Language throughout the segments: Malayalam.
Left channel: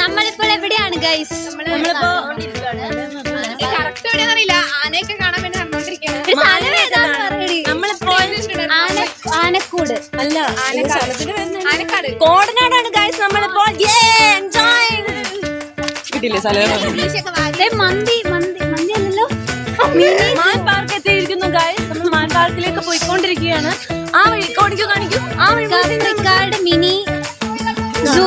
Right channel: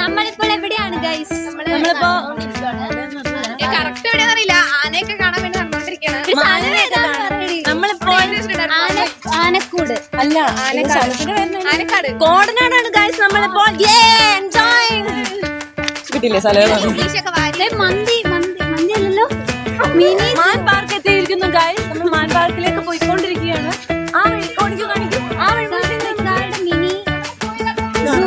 നമ്മളിപ്പോൾ എവിടെയാണ് ഗൈസ്? കറക്റ്റ് എവിടെയാന്ന് അറിയില്ല. ആനയൊക്കെ കാണാൻ വേണ്ടി നടന്നോണ്ടിരിക്കുകയാണ്. ആനക്കൂട് അല്ല, ആനക്കാട് കോടനാടാണ് ഗൈസ്. നമ്മളിപ്പോൾ കിട്ടില്ലേ സ്ഥലം? മന്തി അല്ലല്ലോ, മിനി മാൻ പാർക്ക് എത്തിയിരിക്കുന്നു ഗൈസ്. നമ്മൾ മാൻ പാർക്കിലേക്ക് പോയിക്കൊണ്ടിരിക്കുകയാണ്. ആ വഴി കാണിക്കും. ആ വഴി മിനി സൂ.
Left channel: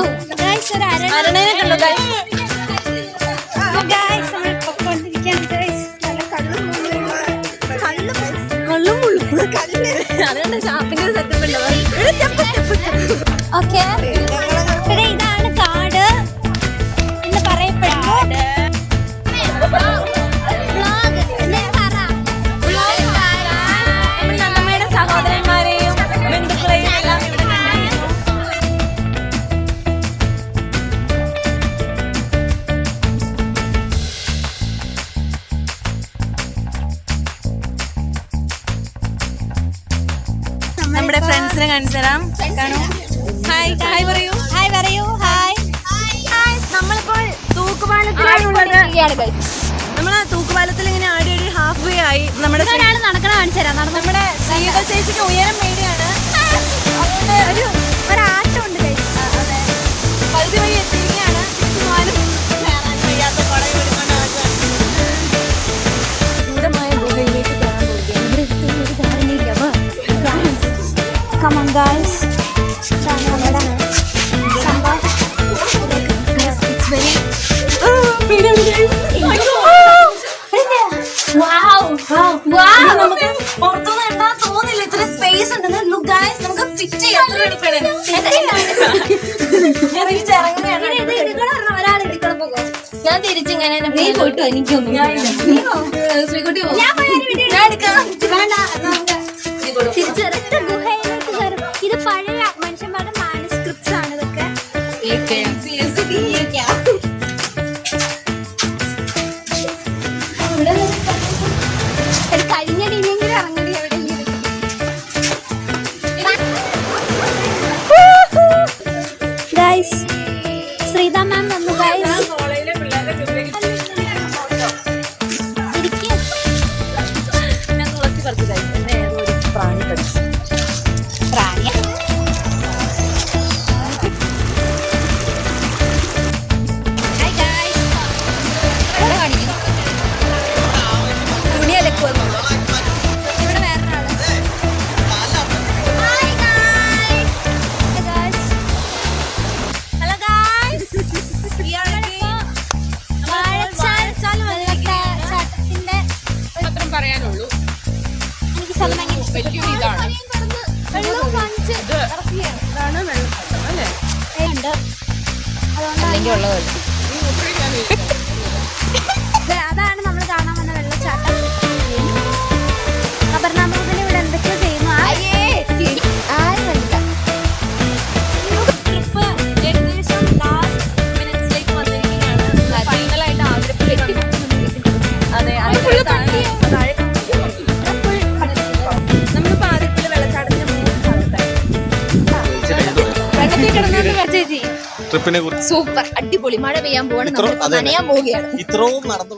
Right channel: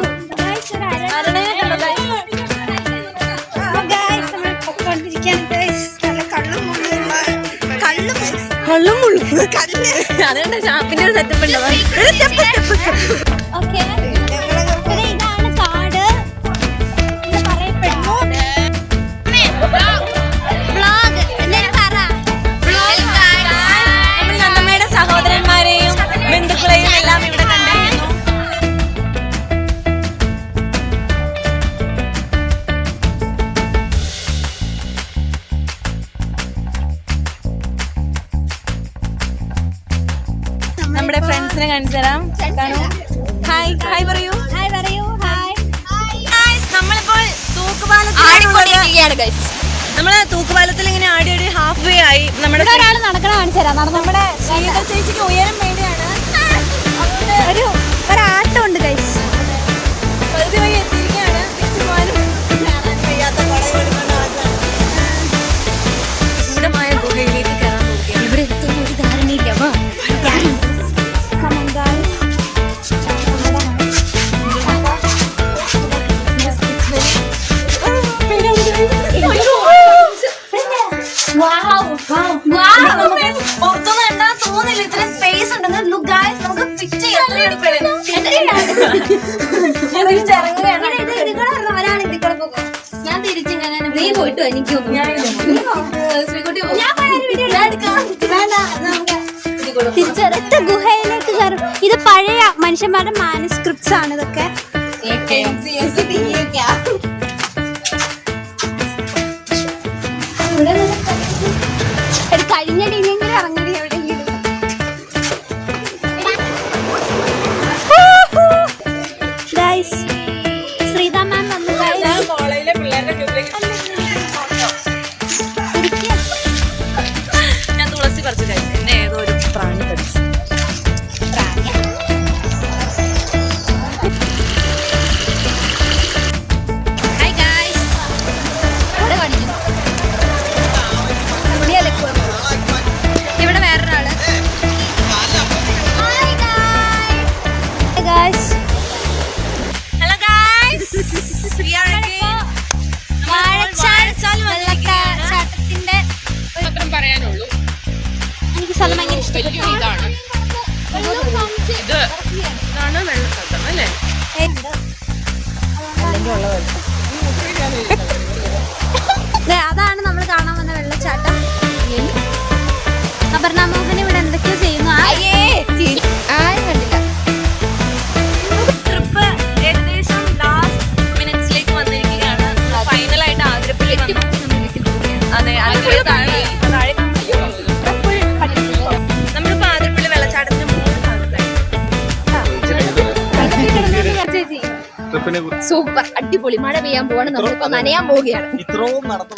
അതുകൊണ്ട് ചാപ്പിന്റെ ഒരു സെറ്റപ്പ് ഉണ്ട്. ഓക്കെ, പിന്നെ ഇതാണ് കാട് എന്ന് പറയപ്പെടുന്നു. വ്ളോഗ് നമ്മുടെ സഹോദരന്മാരെയും ബന്ധുക്കളെയും എല്ലാം ഇവിടെ കണ്ടിരിക്കുന്നു. നമ്മുടെ ഫ്രണ്ട്സിനെ കാണിച്ചു തരാം. ഹായ് പറയൂ. നമ്മളിപ്പോൾ നമ്മള് തൂക്കുപാലത്തിൽ ഇങ്ങനെ ആടി ഹാഫ് വേ ആയി. നമ്മുടെ നടക്കണ കാണിച്ചു തരാം. നമ്മുടെ ശ്രീത ചേച്ചിക്ക് ഉയരം പേടിയാണ്. ഒരാട്ടമുണ്ട് ഗൈസ്. പകുതി വഴി എത്തിയിരിക്കുകയാണ്. തിരിച്ചുപോകാനും കയറാൻ വയ്യാത്ത കുടയും എടുക്കൊണ്ട് ആദ്യമാണ് ഗൂഢമായ ഗുഹയിലേക്ക് കയറാൻ പോവുകയാണ്. ഇവിടെ എത്തുന്ന ഒരു ധാരണയില്ല. Come on guys. പുറത്തൊന്നും എണ്ണാൻ തോന്നില്ല. ഇത്ര സ്പേസ് ഉണ്ടെന്ന്. ലുക്ക് ഗൈസ്, നമുക്ക് ഫിറ്റ് ചെയ്യാൻ ഞാൻ തിരിച്ചിങ്ങനെ നീ പോയിട്ട് എനിക്കൊന്നും ചെറുത്ത ഗുഹയിലേക്ക് കയറും. ഇത് പഴയ മനുഷ്യന്മാരുടെ മാനുസ്ക്രിപ്റ്റ്സ് ആണ് ഇതൊക്കെ. ഒരു കഴിഞ്ഞ രീതിയിൽ ഇറങ്ങി എവിടെയെങ്കിലും. ഗൈസ്, ശ്രീത മാം വന്നു ഗൈസ്. ഞാൻ തുളസി പറിച്ചു കഴിച്ചു. എന്നെ ഏതോ ഒരു പ്രാണി കടിച്ചു. Hi guys. ഇവിടെ കാണിക്കുന്നു. ഇവിടെ വേറൊരാള്. Hi guys. Hello guys, Vazhachal വെള്ളച്ചാട്ടത്തിന്റെ മാത്രം പറയാനുള്ളൂ. എനിക്ക് സ്ഥലം ഭയങ്കര വലിയൊരു ഇതാണ്. ഇതാണ് വെള്ളച്ചാട്ടം അല്ലേ? അതാണ് നമ്മൾ കാണാൻ വന്ന വെള്ളച്ചാട്ടം. അപർണാമോഹൻ ഇവിടെ എന്തൊക്കെയോ ചെയ്യുന്നു. ട്രിപ്പ് ഏകദേശം ലാസ്റ്റ് മിനിറ്റ്സിലേക്ക് വന്നിരിക്കുകയാണ്. ഫൈനലായിട്ട് ആതിരപ്പള്ളി വന്നു. അതെ, ആതിരപ്പള്ളി താഴെ നമ്മളിപ്പോ ആതിരപ്പള്ളി വെള്ളച്ചാട്ടത്തിന്റെ സൂപ്പർ, അടിപൊളി. മഴ പെയ്യാൻ പോവാണ്. നമ്മളിപ്പോ നനയാൻ പോവുകയാണ്. ഇത്രയും നടന്നു